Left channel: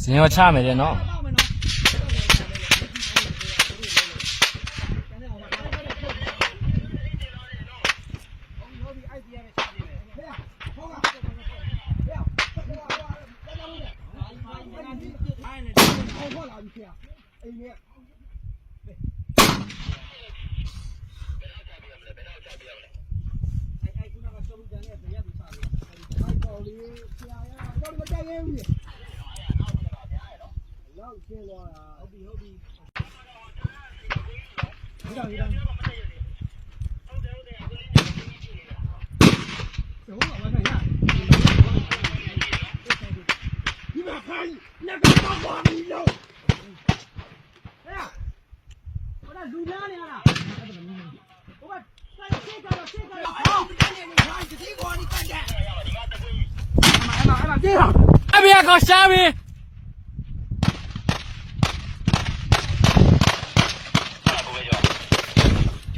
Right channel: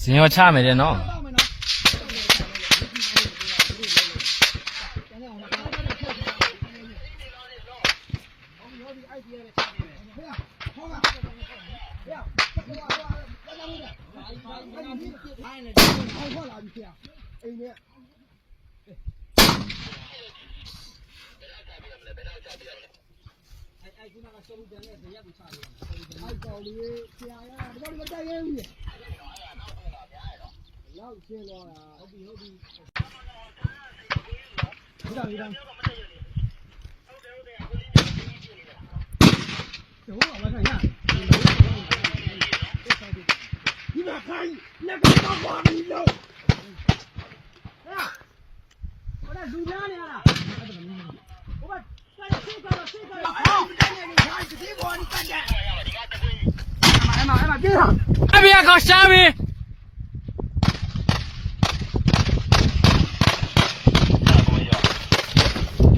ဇင်ရောချမယ်တဲ့နော် လူသားနေရတာဟုတ်ပါဘူးဟိုကဆက်ကြတော့ဆက်ကြတော့ အမေကောရှာပြီ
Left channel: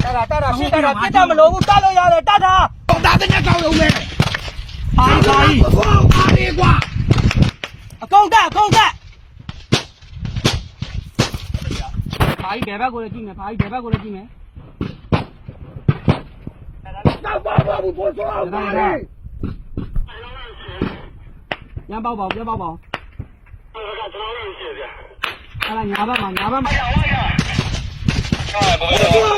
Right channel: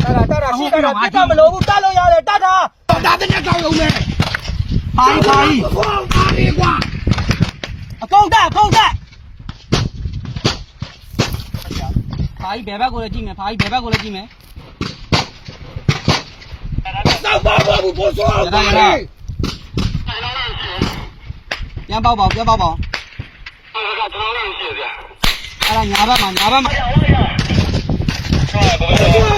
တာတာတာရှိတာပြတ်တော့မလို့ဘူးတတ်လို့ရတယ်တတ်တာတာတဲ့ကြောက်လုံးနဲ့ပါပါဘောပါရီကွာအကောင့်တာအကောင့်တာဖာကြီးဘယ်ဘက်ကိုလည်းကြည့်မယ်ဖာကြီးဘယ်ဘက်ကိုလည်းကြည့်မယ်တော့ပါပါဘူးဘောစောပါရီ ပြန်ပေါက်ပါပြန်ပေါက်ပါအဲ့ဒါညာဘက်မှာညာဘက်မှာ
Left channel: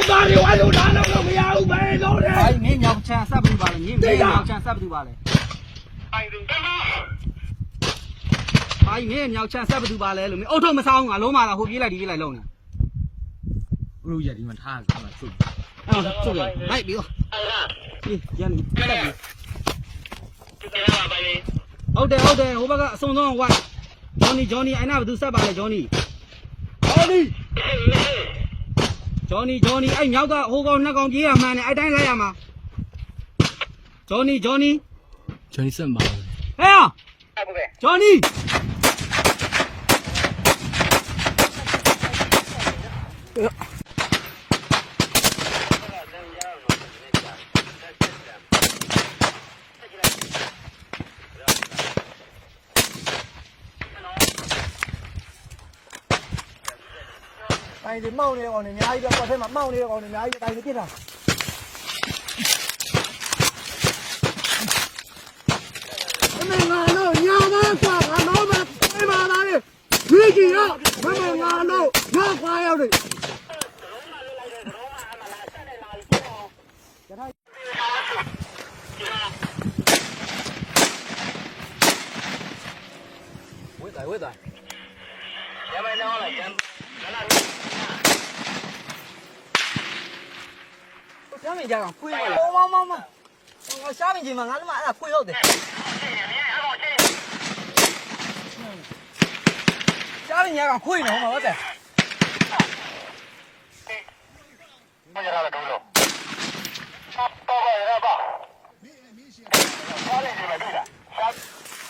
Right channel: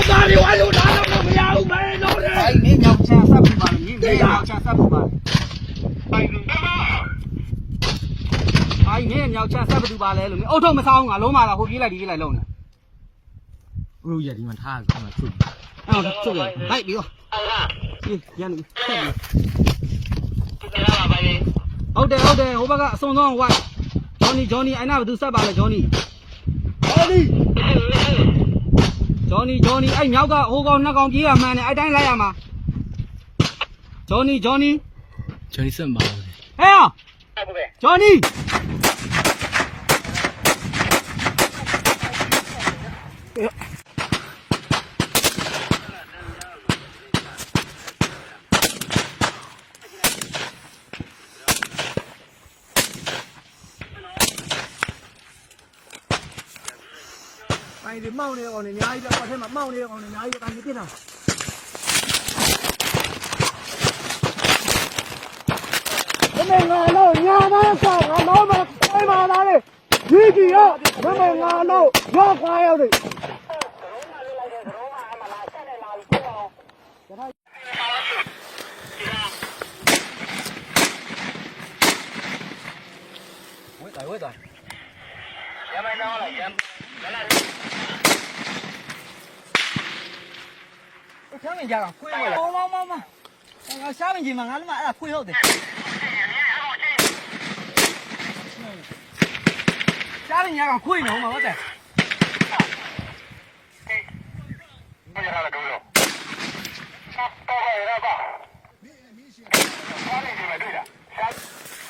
ဘာတွေဝါလို့လာတော့မရဘူးပဲတော့တယ်အဲ့မင်းမြောက်ချမ်းဆက်ပူပါလေမင်းမြောက်ချမ်းဆက်ပူပါလေအဲ့မင်းမြောက်ချမ်းဆက်ပူပါလေလို့မင်းအုတ်ထုံမဆောင်ငါလုံးမလားဟိုပြေးလိုက်ဒီပြေးလိုက်လုံးနေဘလူရဒီမှာထားတယ်ဆုအဲ့ချုပ်ရလိုက်ပြီးတော့ဒီရန်တက်လိုက် ဟုတ်တယ်ဟုတ်တယ်ဟိုဘက်ကအစုံဆုံးဟိုကဂျော်နီဂျော်နီအဲ့နာဘသူဆက်ပါလဲဂျော်နီဟောဒီဂျော်နီဂျော်နီအဲ့မြောက်ကဟိုကောင်နှစ်ကောင်ပြေးရမှန်းနေအဲ့တိုင်းလိုက်ရမှာဂျော်နီဂျော်နီဂျွန်စင်ပါလေဟဲ့ဂျော်နီ တိုင်းဒီမောင်းနေကောင်နေအများကြီးပဲပတ်ထဲမှာမောင်းနေတဲ့ကောင်နေအများကြီးပဲတိုင်းနေပြစ်တာမမေငါတော့ညာမကငါတော့မပေါ်လာတာလေဒီကြီးရောမမေငါတော့ရကားရောက်တယ်ဝေးတယ်ဝေးတယ်ရှားမင်း ကြတော့ခွေးဟုတ်လားမောမောမောငါရှားမင်းကြီးမှာငါလည်းမအဲ့ဒါခွေးဟုတ်တယ်ရှားမင်းကြတော့ခွေးနော်မဟုတ်တယ်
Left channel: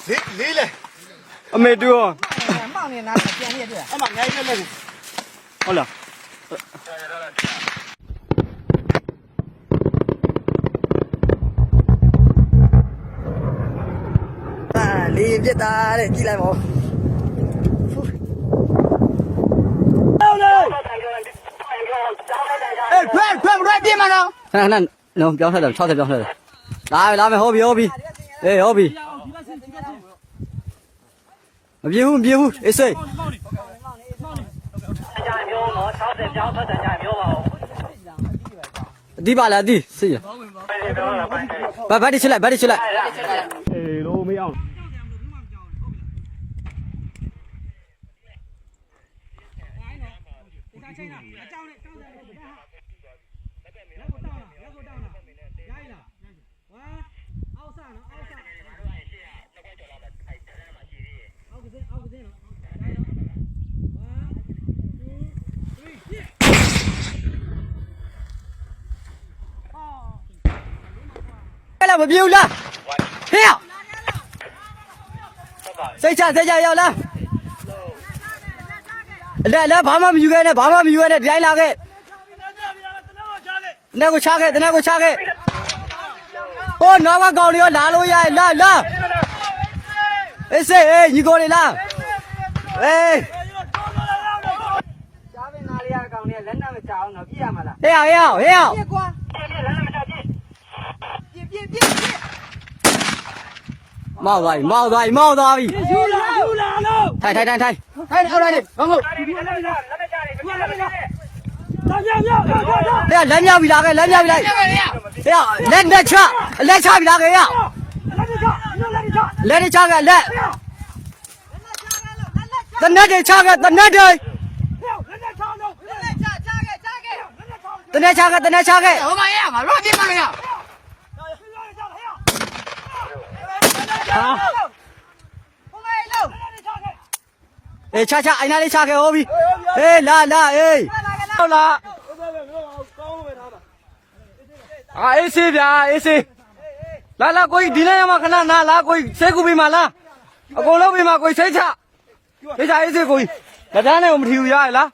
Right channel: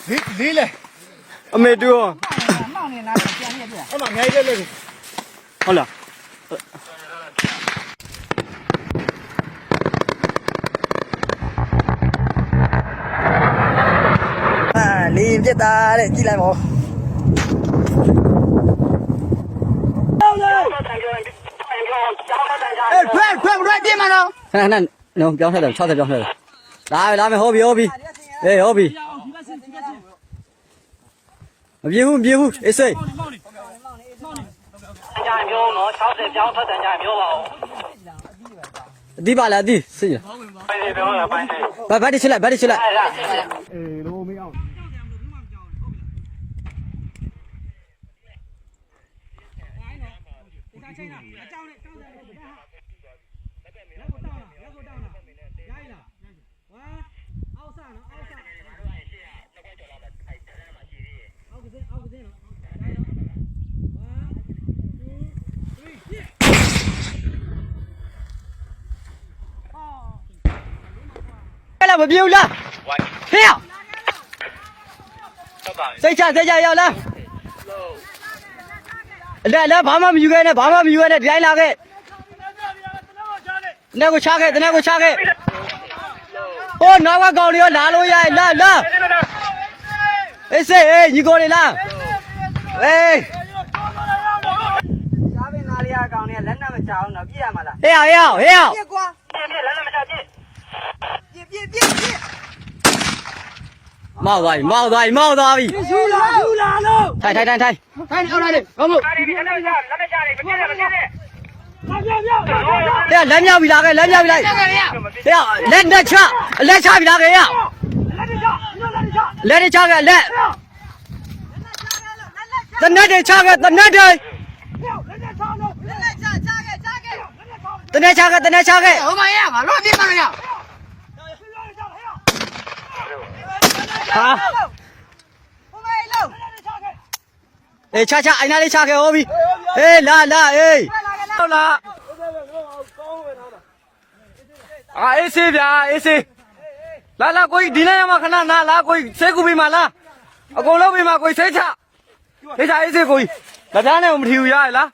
လေးလေးလေအမေတူရောမောင်နေနာပြန်ရပြအမငယ်ကျက်လက်ကိုဟုတ်လား အာလေပြစ်တာတဲ့ကြည့်လိုက်ပါဦးအေးဖက်ဖက်ရက်ပြမနော်ခဏခဏလုံးပြောင်းဆက်တယ်60ပြောင်းဆက်တယ်လာပြီလာမယ်ဟောပြီဟောပြီအေးဟောပြီမပြေဘူးမပြေဘူးအေးစိတ်အဒီပါလားအဒီစိတ်ရဘာဘာဒီချလိုက်ဘာဒီချလိုက် အေးလို့မရအောင် ချိန်တာအကြောင်းနဲ့တောင်းတယ်လက်ကိုတောင်းလားလက်ကိုတောင်းလားရိုင်းလားဝါအောက်ဆနော်အောက်ဆအောက်ကစင်းအောက်ကစင်းနော်ရိုင်းနော်ဝါ2 3 4အဲ့ လားမပြေဘူးလားဟဲ့စိတ်ချစိတ်ချရောက်လားလက်လက်ဘာမှမယူခဲ့နဲ့ဘာမှမယူခဲ့နဲ့ဒီတိုင်းလာခဲ့တနေ့ကိုချခဲ့တနေ့ကိုချခဲ့ဟိုနောက်ကကောင်တွေရောလာလို့ရလာလာအေးစေးအေးညီကိုတွေလာအေးစားပင်သားလေးကကောင်လေးကလက်နဲ့မချအောင်တော့ပြည့်ရမှာလားဟေးအောင်ဟေးအောင်ဟေးအောင်ပြည့်ကွာပြည့်ပြည့်လက်နဲ့မချပြည့်ပြည့်ပြည့်ပြည့်ပြည့်မောက်သွားပြီမောက်သွားပြီမောက်သွားပြီယူလာယူလာလို့ထိုင်ထိုင်ထိုင်ထိုင် ခိုင်းအောင်လိုက်ဘာမို့လက်နဲ့ချတယ်ပြည့်ပြည့်ပြည့်ပြည့်ပြည့်ပြည့်ဟေးလက်မြောက်ပြီလားကဲလက်မြောက်ပြီလားဟေးအောင်လက်နဲ့ချလက်ချပြီလားကဲဟေးအောင်လက်နဲ့ချလက်နဲ့ချလက်နဲ့ချခဲ့လက်တနက်တွေချခဲ့တနက်တွေလက်နဲ့ချတော့လက်နဲ့ချချခဲ့ချခဲ့လက်နဲ့ချတနက်ချခဲ့တနက်ချခဲ့ဟိုမှာရငါတော့ပြင်းမလို့ရဟာဟိုမေးလို့ အေးချချအိုင်နာလေးချခဲ့ဟောပြီအေးလာလာအေးဟုတ်လားအာအေးစေးဗျာအေးစေးလာလာကိုကြီးဒီနေ့ရမှာခဏနာလာကိုကြီးဆေးကူပေးမှာလားအကုန်လုံးပေးမှာကိုကြီးဆေးချဆေးချအေးစေးကိုကြီးလက်ထားနဲ့မထီဘူးရရလား